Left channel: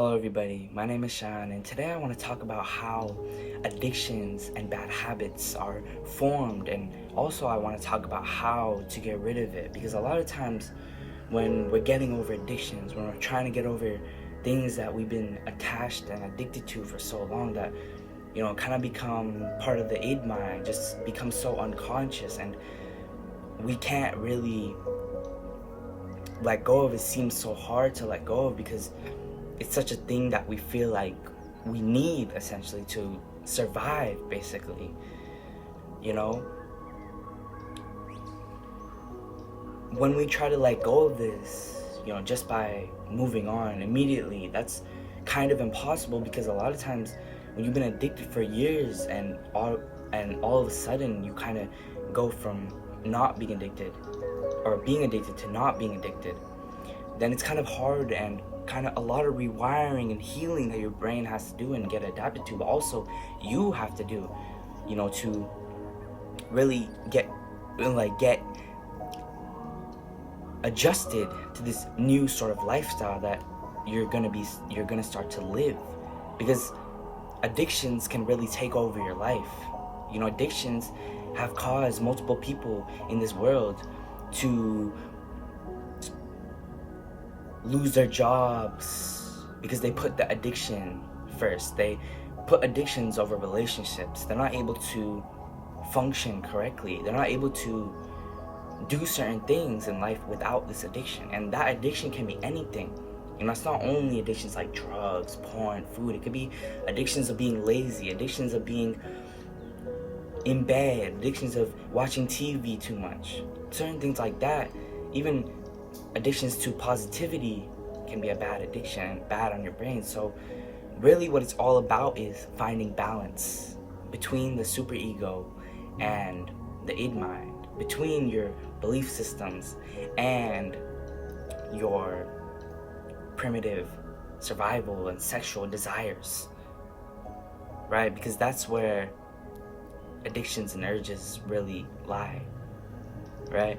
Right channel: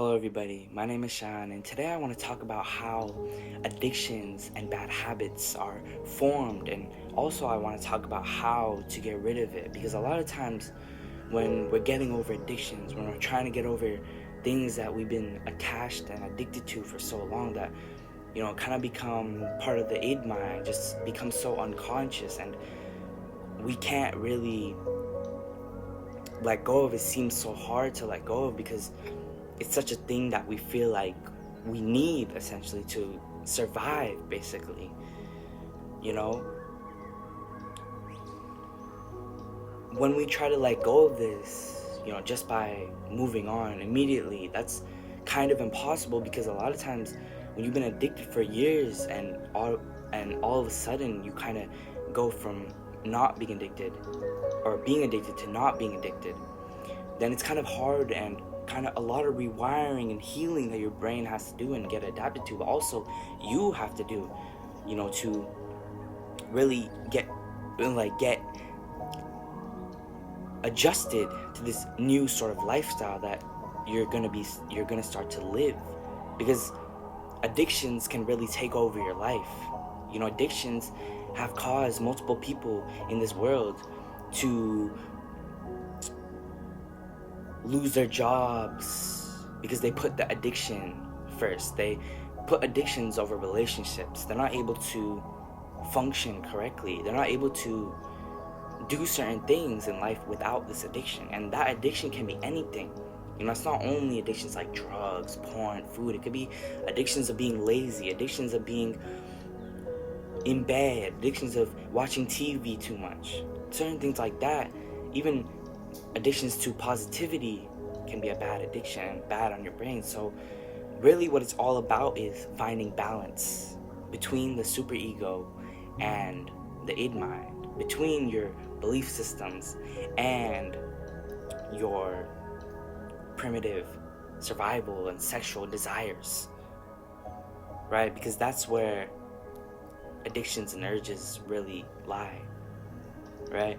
Hello everybody, my name is Sean, and today I want to talk about how addictions and bad habits are formed, and also I want to talk about how to get rid of it, because a lot of times when we're getting over addictions, when we're trying to get over things that we've been attached and addicted to for so long that, kind of become part of the id mind, just become so unconscious, and we can't really let go of it. Seems so hard to let go of because it's such a thing that we feel like we need essentially to survive, basically. When we try to let go of this, just by moving on immediately, that's kind of impossible, because a lot of times when you've been addicted for years and all of a sudden you kind of go from not being addicted or being addicted to not being addicted, then it's kind of hard and kind of a lot of rewiring and healing that your brain has to do and get adapted to, but also you have to do, to really get adjusted to this new sort of lifestyle that you're gonna start to live, because addictions can really take over your life. Addictions have caused multiple people in this world to lose their jobs because they put the addiction first. They put addictions over relationships. They're not able to function correctly. They're not able to do certain things in life without this addiction. And that addiction can be anything. It's not only addictions like drugs, porn, food. It could be addictions of being lazy, addictions of being in bed, addictions of watching TV too much, certain things like that. Even addictions to positivity can be a bad addiction, bad on your brain. So really what it's all about is finding balance between the superego and the id mind, between your belief systems and your primitive survival and sexual desires, right? Because that's where addictions and urges really lie, right?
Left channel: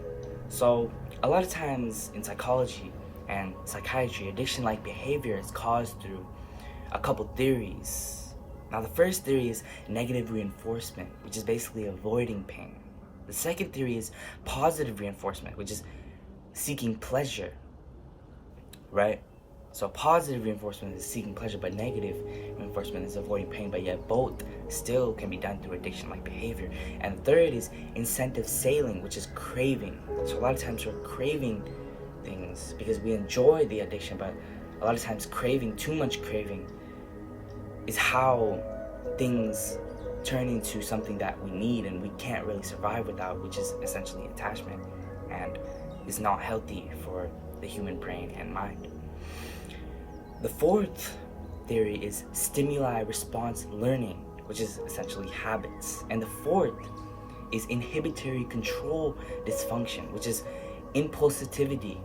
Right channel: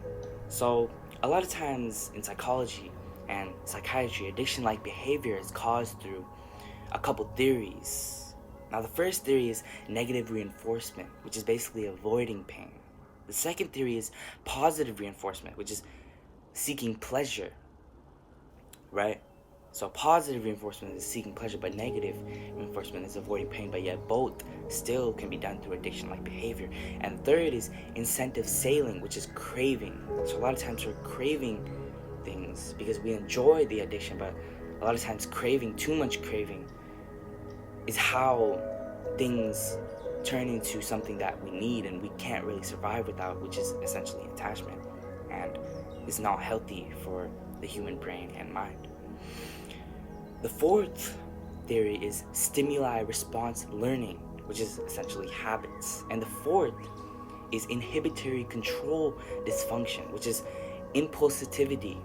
So a lot of times in psychology and psychiatry, addiction-like behavior is caused through a couple theories. Now, the first theory is negative reinforcement, which is basically avoiding pain. The second theory is positive reinforcement, which is seeking pleasure, right? So positive reinforcement is seeking pleasure, but negative reinforcement is avoiding pain, but yet both still can be done through addiction-like behavior. And the third is incentive sailing, which is craving. So a lot of times we're craving things because we enjoy the addiction, but a lot of times craving, too much craving, is how things turn into something that we need and we can't really survive without, which is essentially attachment, and is not healthy for the human brain and mind. The fourth theory is stimuli response learning, which is essentially habits. And the fourth is inhibitory control dysfunction, which is impulsivity.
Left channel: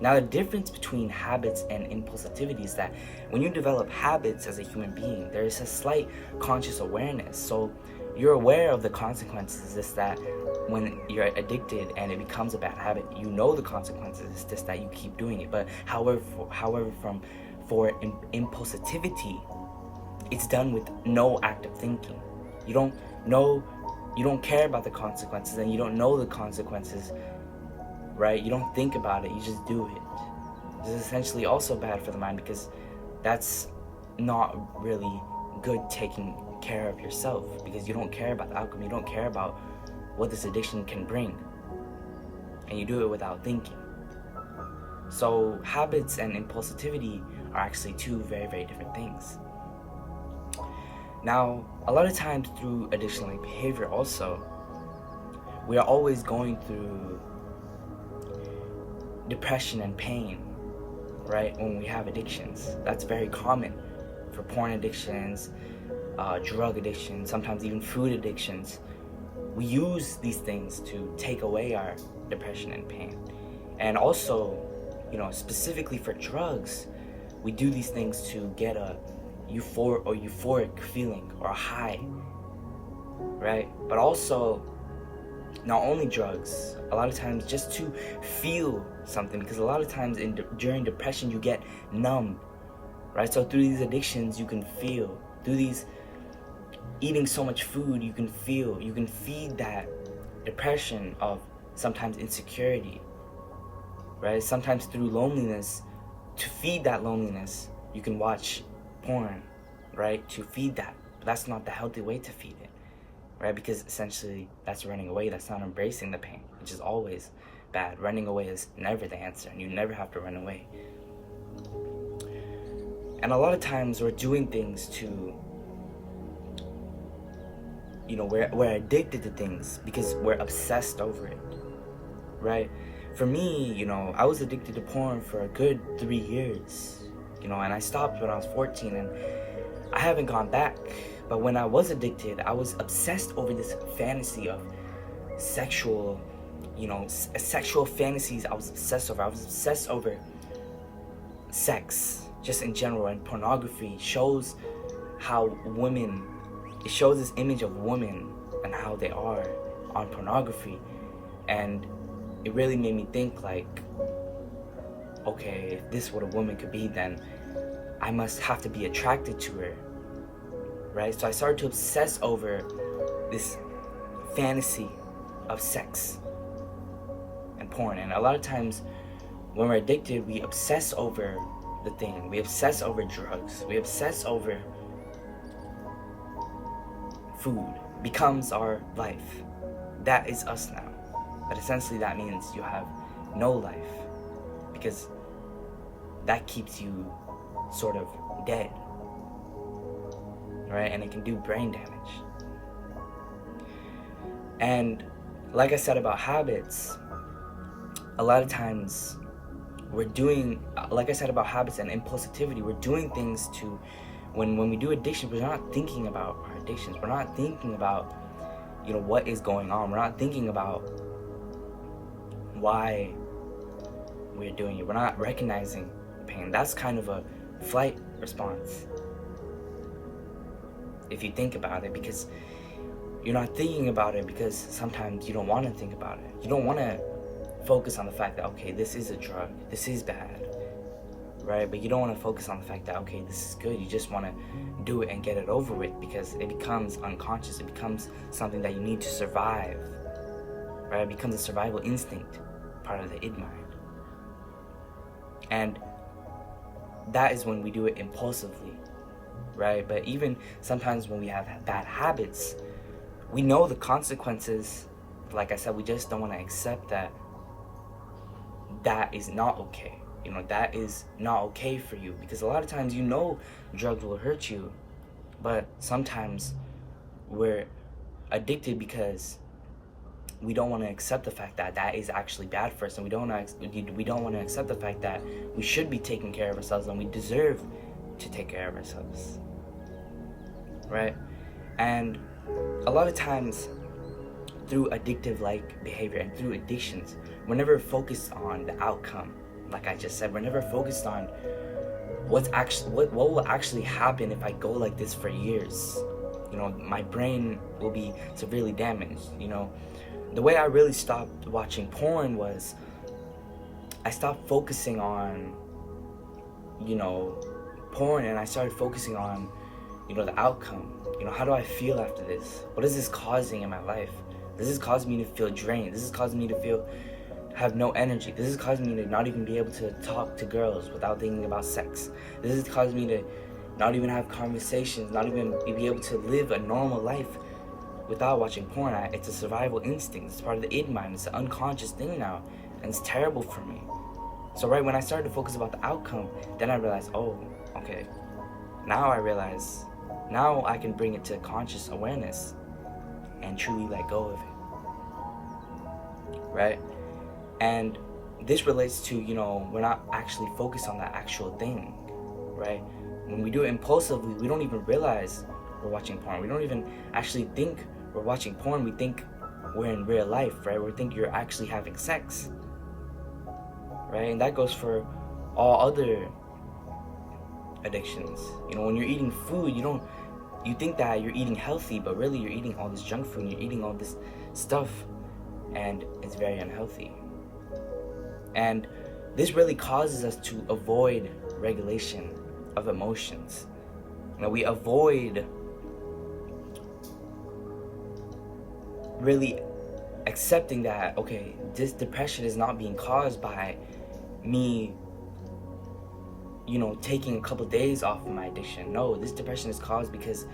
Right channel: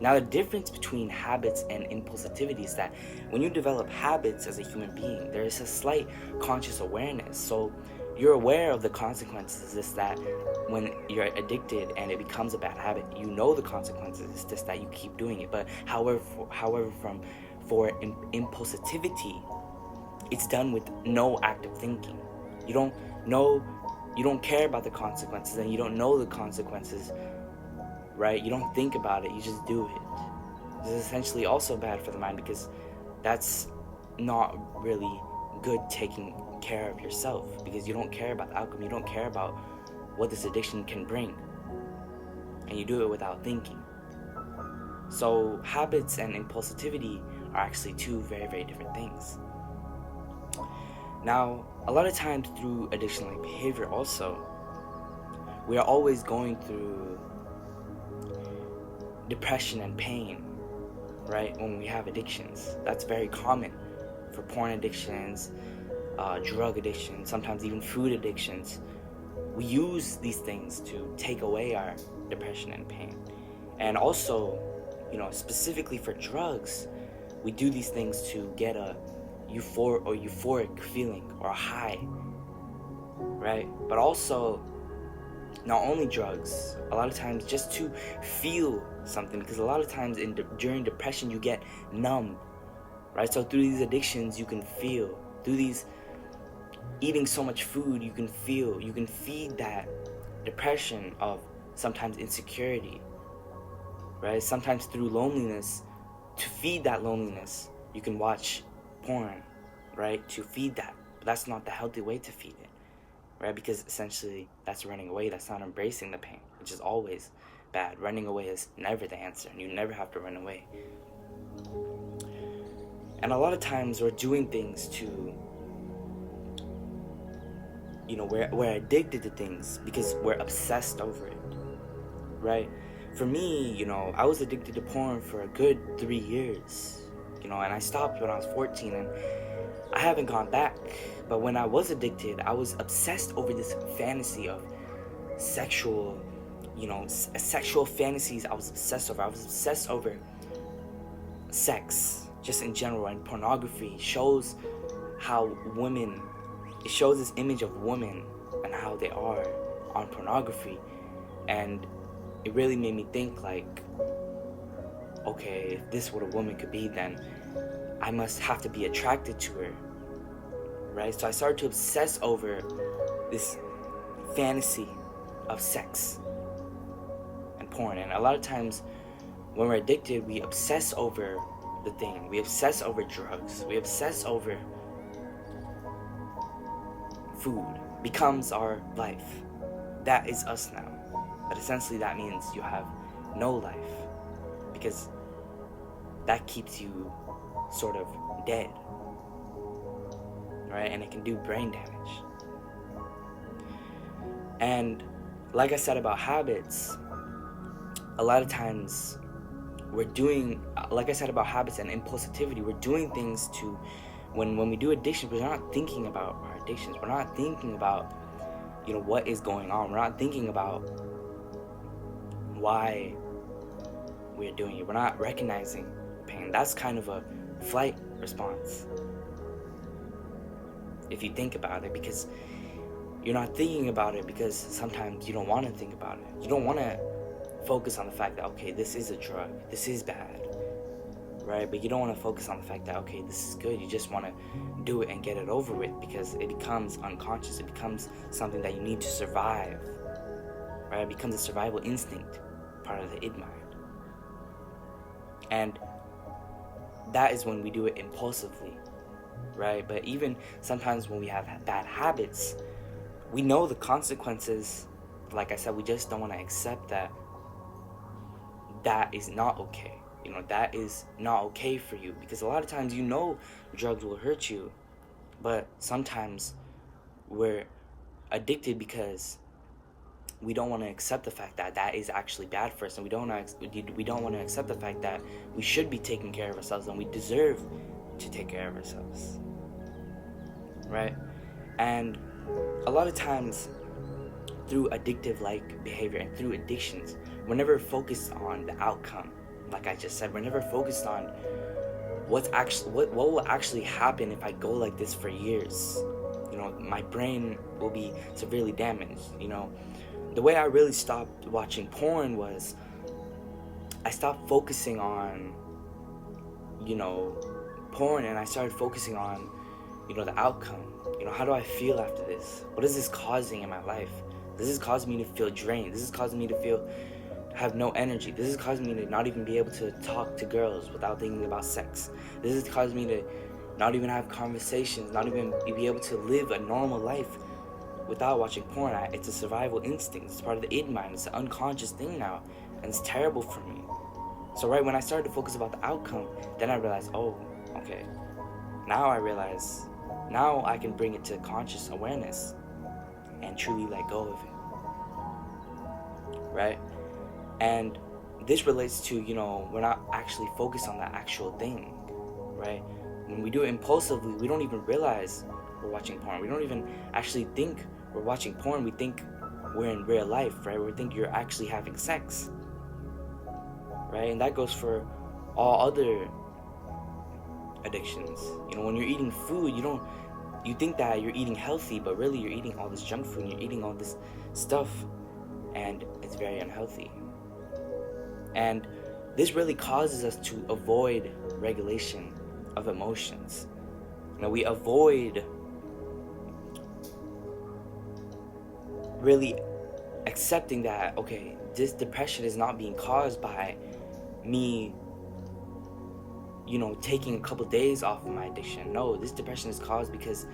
Now, the difference between habits and impulsivity is that when you develop habits as a human being, there is a slight conscious awareness. So you're aware of the consequences. It's just that when you're addicted and it becomes a bad habit, you know the consequences. It's just that you keep doing it. But however, for impulsivity, it's done with no active thinking. You don't care about the consequences, and you don't know the consequences, right? You don't think about it, you just do it. This is essentially also bad for the mind, because that's not really good taking care of yourself, because you don't care about the outcome, you don't care about what this addiction can bring, and you do it without thinking. So habits and impulsivity are actually two very, very different things. Now, a lot of times through addiction-like behavior also, we are always going through depression and pain, right? When we have addictions, that's very common for porn addictions, drug addictions, sometimes even food addictions. We use these things to take away our depression and pain. And also, specifically for drugs, we do these things to get a euphoric feeling or a high, right? But also, not only drugs, a lot of times just to feel something, because a lot of times during depression you get numb, right? So through these addictions, you can feel. Through these eating so much food, you can feel. You can feed that depression of sometimes insecurity, right? Sometimes through loneliness, to feed that loneliness, you can watch porn, right? To feed that. But that's not the healthy way to feed it, right? Because essentially that's running away. That's not embracing the pain, which is always bad. Running away is never the answer, and you never have to run away. And a lot of times we're doing things to, we're addicted to things because we're obsessed over it, right? For me, I was addicted to porn for a good 3 years, and I stopped when I was 14, and I haven't gone back. But when I was addicted, I was obsessed over this fantasy of sexual fantasies. I was obsessed over sex, just in general, and pornography shows how women, it shows this image of women and how they are on pornography. And it really made me think, like, okay, if this is what a woman could be, then I must have to be attracted to her, right? So I started to obsess over this fantasy of sex and porn. And a lot of times when we're addicted, we obsess over the thing. We obsess over drugs. We obsess over food. Becomes our life. That is us now. But essentially that means you have no life, because that keeps you sort of dead, right? And it can do brain damage. And like I said about habits, a lot of times we're doing, like I said about habits and impulsivity, we're doing things to, when we do addictions, we're not thinking about our addictions. We're not thinking about, what is going on. We're not thinking about why we're doing it. We're not recognizing pain. That's kind of a flight response, if you think about it, because you're not thinking about it because sometimes you don't want to think about it. You don't want to focus on the fact that, okay, this is a drug, this is bad, right? But you don't want to focus on the fact that, okay, this is good. You just want to do it and get it over with, because it becomes unconscious. It becomes something that you need to survive, right? It becomes a survival instinct, part of the id mind. And that is when we do it impulsively, right? But even sometimes when we have bad habits, we know the consequences. Like I said, we just don't want to accept that is not okay. That is not okay for you, because a lot of times drugs will hurt you, but sometimes we're addicted because we don't want to accept the fact that is actually bad for us, and we don't want to accept the fact that we should be taking care of ourselves and we deserve to take care of ourselves, right? And a lot of times through addictive like behavior and through addictions, we're never focused on the outcome. Like I just said, we're never focused on what will actually happen if I go like this for years. My brain will be severely damaged. The way I really stopped watching porn was I stopped focusing on porn, and I started focusing on the outcome. How do I feel after this? What is this causing in my life? This is causing me to feel drained. This is causing me to have no energy. This is causing me to not even be able to talk to girls without thinking about sex. This is causing me to not even have conversations, not even be able to live a normal life without watching porn. It's a survival instinct. It's part of the id mind. It's an unconscious thing now, and it's terrible for me. So right when I started to focus about the outcome, then I realized, oh, okay. Now I can bring it to conscious awareness and truly let go of it, right? And this relates to, we're not actually focused on the actual thing, right? When we do it impulsively, we don't even realize we're watching porn. We don't even actually think we're watching porn. We think we're in real life, right? We think you're actually having sex, right? And that goes for all other addictions. When you're eating food, you think that you're eating healthy, but really you're eating all this junk food and you're eating all this stuff, and it's very unhealthy. And this really causes us to avoid regulation of emotions. We avoid really accepting that, okay, this depression is not being caused by me, taking a couple days off of my addiction. No, this depression is caused because,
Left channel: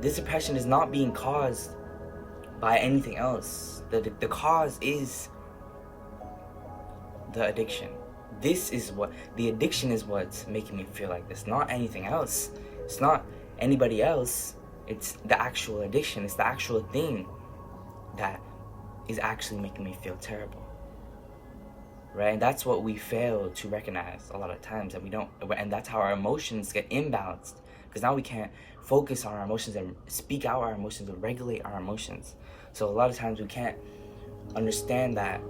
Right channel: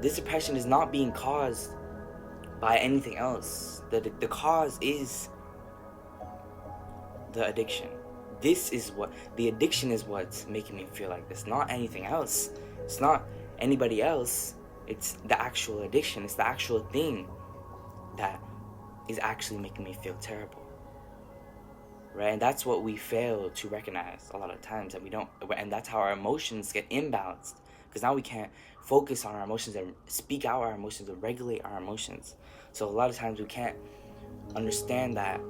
this depression is not being caused by anything else. The cause is the addiction. The addiction is what's making me feel like this, not anything else. It's not anybody else. It's the actual addiction. It's the actual thing that is actually making me feel terrible. Right? And that's what we fail to recognize a lot of times, and that's how our emotions get imbalanced, because now we can't focus on our emotions and speak out our emotions and regulate our emotions. So a lot of times we can't understand that,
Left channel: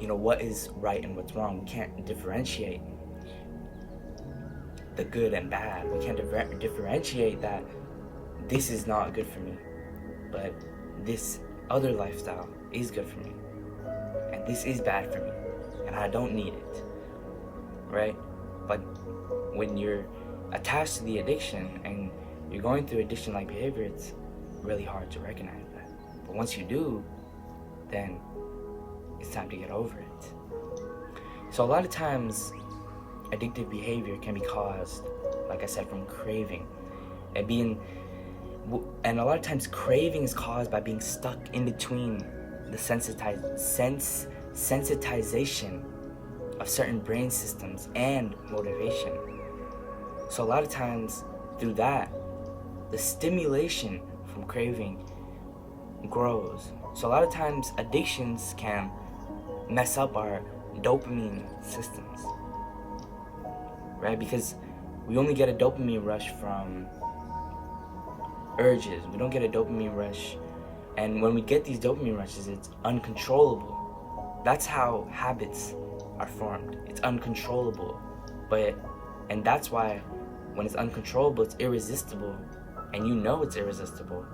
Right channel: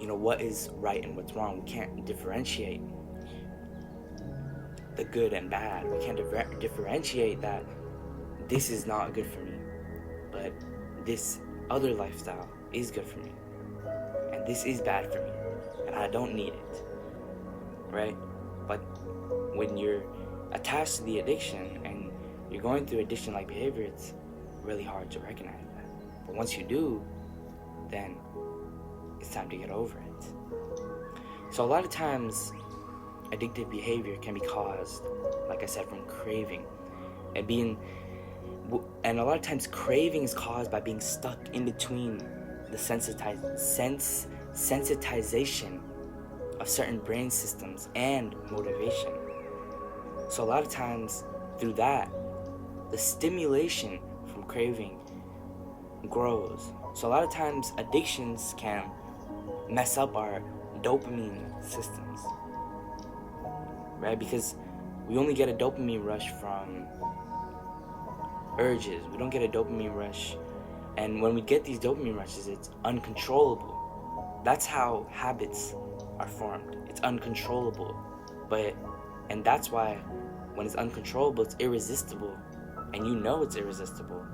what is right and what's wrong. We can't differentiate the good and bad. We can't differentiate that this is not good for me, but this other lifestyle is good for me, and this is bad for me, and I don't need it, right? But when you're attached to the addiction and you're going through addiction-like behavior, it's really hard to recognize that. But once you do, then it's time to get over it. So a lot of times, addictive behavior can be caused, like I said, from craving. And a lot of times craving is caused by being stuck in between the sensitization of certain brain systems and motivation. So a lot of times through that, the stimulation from craving grows. So a lot of times addictions can mess up our dopamine systems, right? Because we only get a dopamine rush from urges. We don't get a dopamine rush. And when we get these dopamine rushes, it's uncontrollable. That's how habits are formed. It's uncontrollable. And that's why when it's uncontrollable, it's irresistible. And it's irresistible.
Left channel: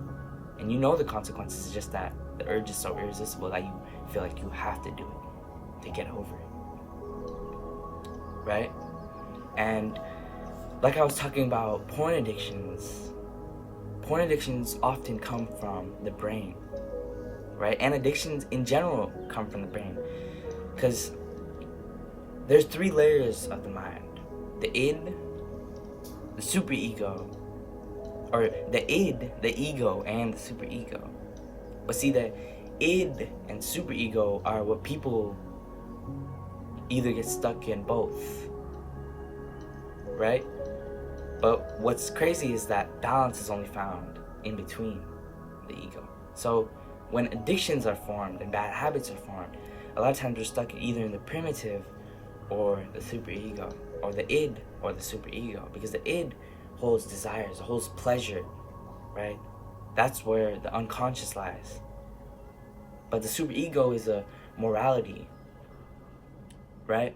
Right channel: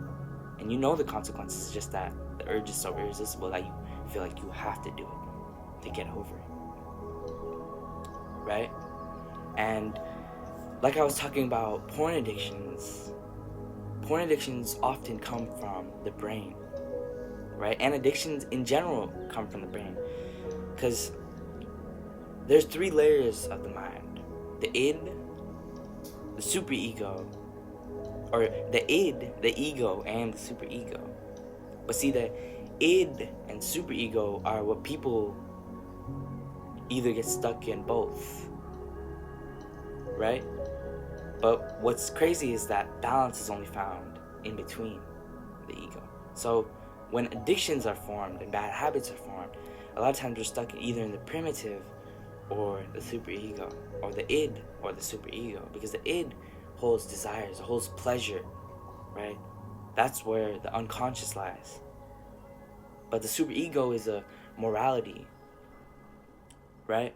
And the consequences is just that the urge is so irresistible that you feel like you have to do it to get over it. Right? And like I was talking about porn addictions often come from the brain, right? And addictions in general come from the brain, because there's 3 layers of the mind: the id, the superego, or the id, the ego, and the superego. But see, the id and superego are what people either get stuck in both, right? But what's crazy is that balance is only found in between the ego. So when addictions are formed and bad habits are formed, a lot of times we're stuck either in the primitive or the superego, or the id or the superego, because the id holds desires, it holds pleasure, right? That's where the unconscious lies. But the superego is a morality, right?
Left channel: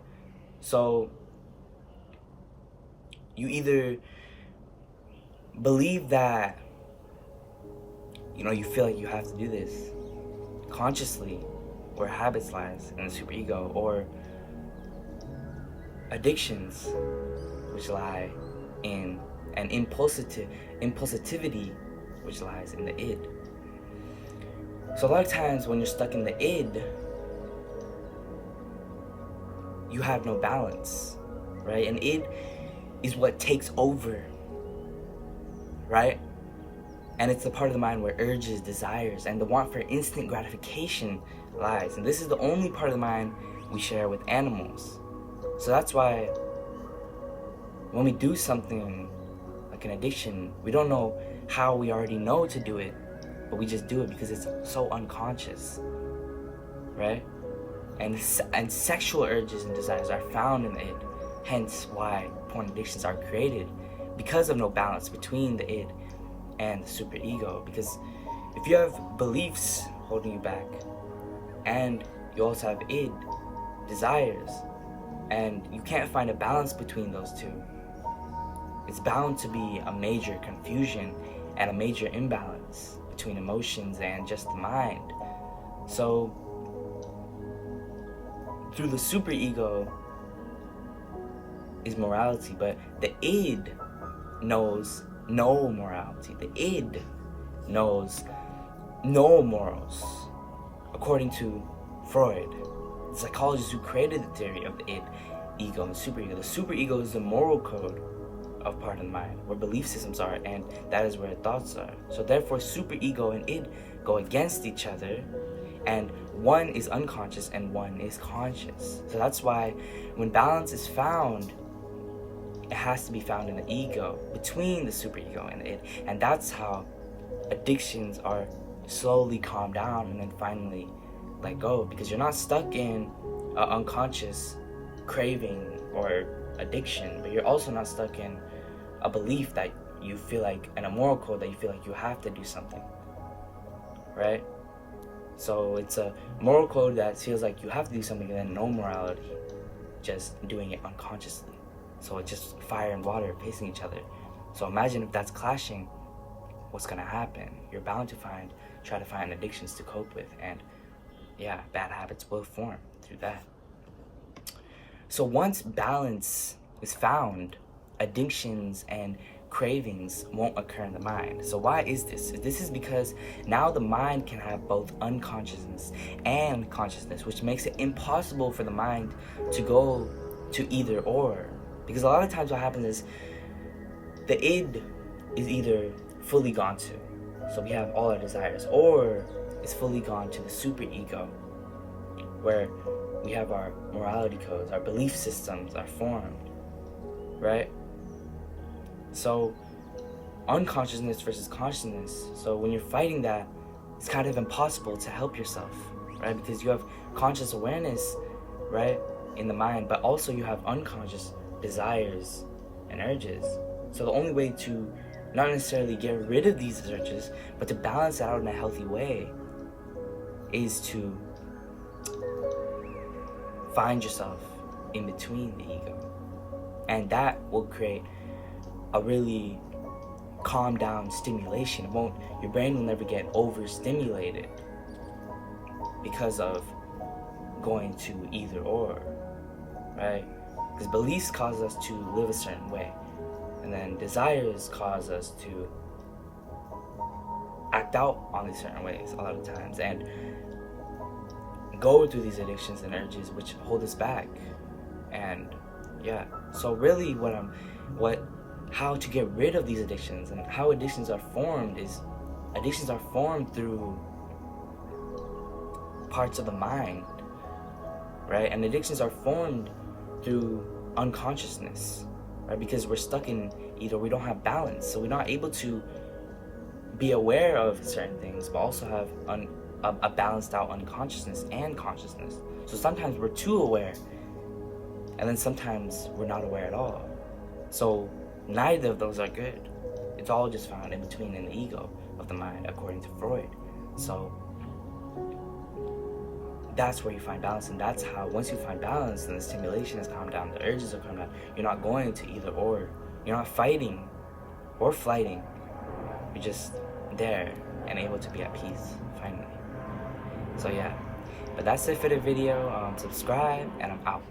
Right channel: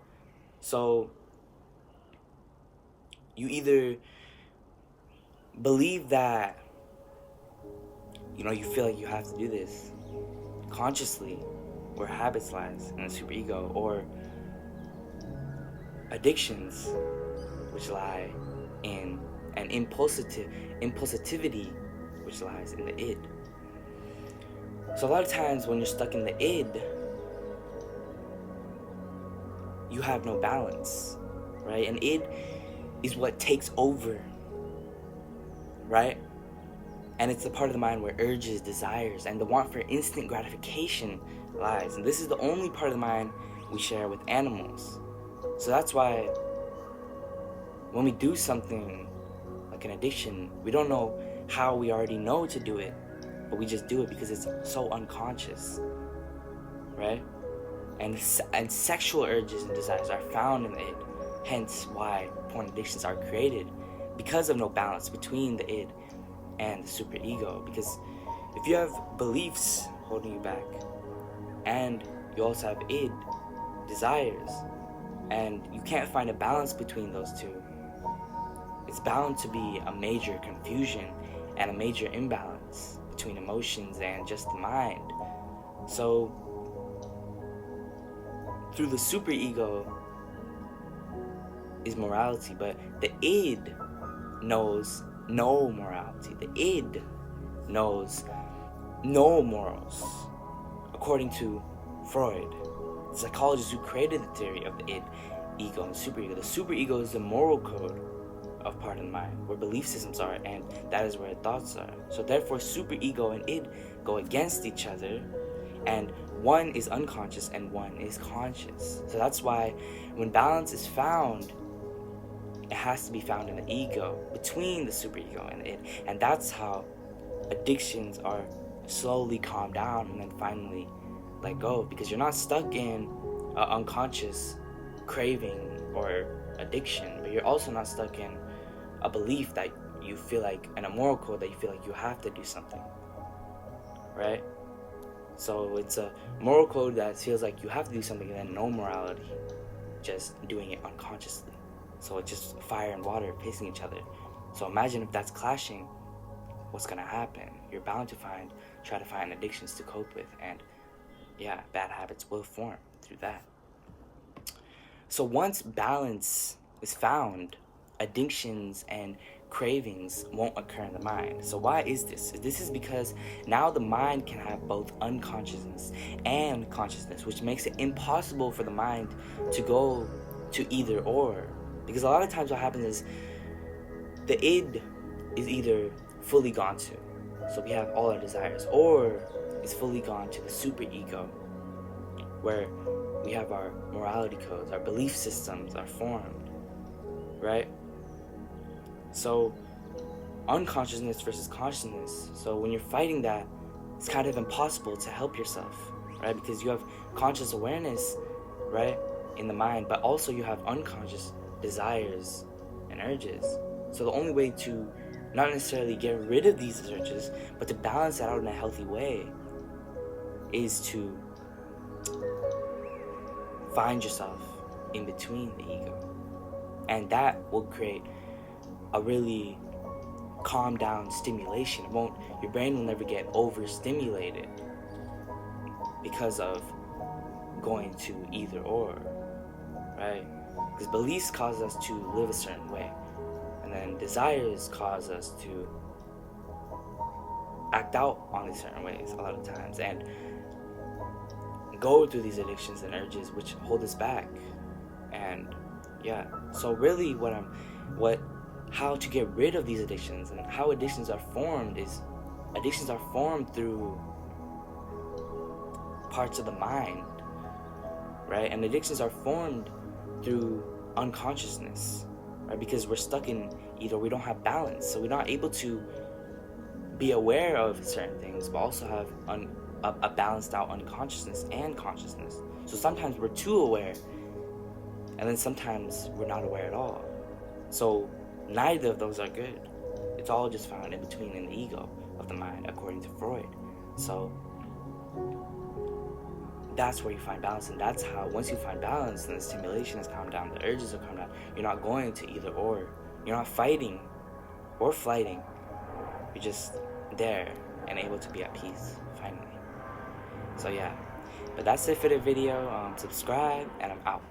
So you either believe that, you feel like you have to do this consciously, where habits lies in the superego, or addictions, which lie in an impulsivity, which lies in the id. So a lot of times when you're stuck in the id, you have no balance, right? And id is what takes over, right? And it's the part of the mind where urges, desires, and the want for instant gratification lies. And this is the only part of the mind we share with animals. So that's why when we do something like an addiction, we don't know how we already know to do it, but we just do it because it's so unconscious, right? And sexual urges and desires are found in the id, hence why porn addictions are created, because of no balance between the id and the superego. Because if you have beliefs holding you back, and you also have id, desires, and you can't find a balance between those two, it's bound to be a major confusion and a major imbalance between emotions and just the mind. So through the superego, is morality, but the id knows no morality. The id knows no morals, according to Freud, the psychologist who created the theory of the id, ego, and superego. The superego is the moral code of part of the mind, where belief systems are, and that is where thoughts are. So therefore, superego and id go against each other, and one is unconscious and one is conscious. So that's why when balance is found, it has to be found in the ego, between the superego and the id. And that's how addictions are slowly calmed down and then finally let go, because you're not stuck in an unconscious craving or addiction, but you're also not stuck in a belief that you feel like, and a moral code that you feel like you have to do something, right? So it's a moral code that feels like you have to do something, and then no morality, just doing it unconsciously. So it's just fire and water facing each other. So imagine if that's clashing, what's gonna happen? You're bound to try to find addictions to cope with, and yeah, bad habits will form through that. So once balance is found, addictions and cravings won't occur in the mind. So why is this? This is because now the mind can have both unconsciousness and consciousness, which makes it impossible for the mind to go to either or. Because a lot of times what happens is the id is either fully gone to, so we have all our desires, or it's fully gone to the superego, where we have our morality codes, our belief systems are formed, right? So unconsciousness versus consciousness. So when you're fighting that, it's kind of impossible to help yourself, right? Because you have conscious awareness, right, in the mind, but also you have unconscious desires and urges. So the only way to not necessarily get rid of these urges, but to balance it out in a healthy way, is to find yourself in between the ego. And that will create a really calm down stimulation. Your brain will never get overstimulated because of going to either or, right? Because beliefs cause us to live a certain way, and then desires cause us to act out on these certain ways a lot of times, and go through these addictions and urges which hold us back. And yeah, so really how to get rid of these addictions and how addictions are formed is, addictions are formed through parts of the mind, right? And addictions are formed through unconsciousness, right? Because we're stuck in either, we don't have balance, so we're not able to be aware of certain things, but also have a balanced out unconsciousness and consciousness. So sometimes we're too aware, and then sometimes we're not aware at all. So neither of those are good. It's all just found in between in the ego of the mind, according to Freud. So that's where you find balance, and that's how, once you find balance, then the stimulation is calmed down, the urges are calmed down. You're not going to either or. You're not fighting or flighting. You're just there and able to be at peace, finally. So yeah, but that's it for the video. Subscribe, and I'm out.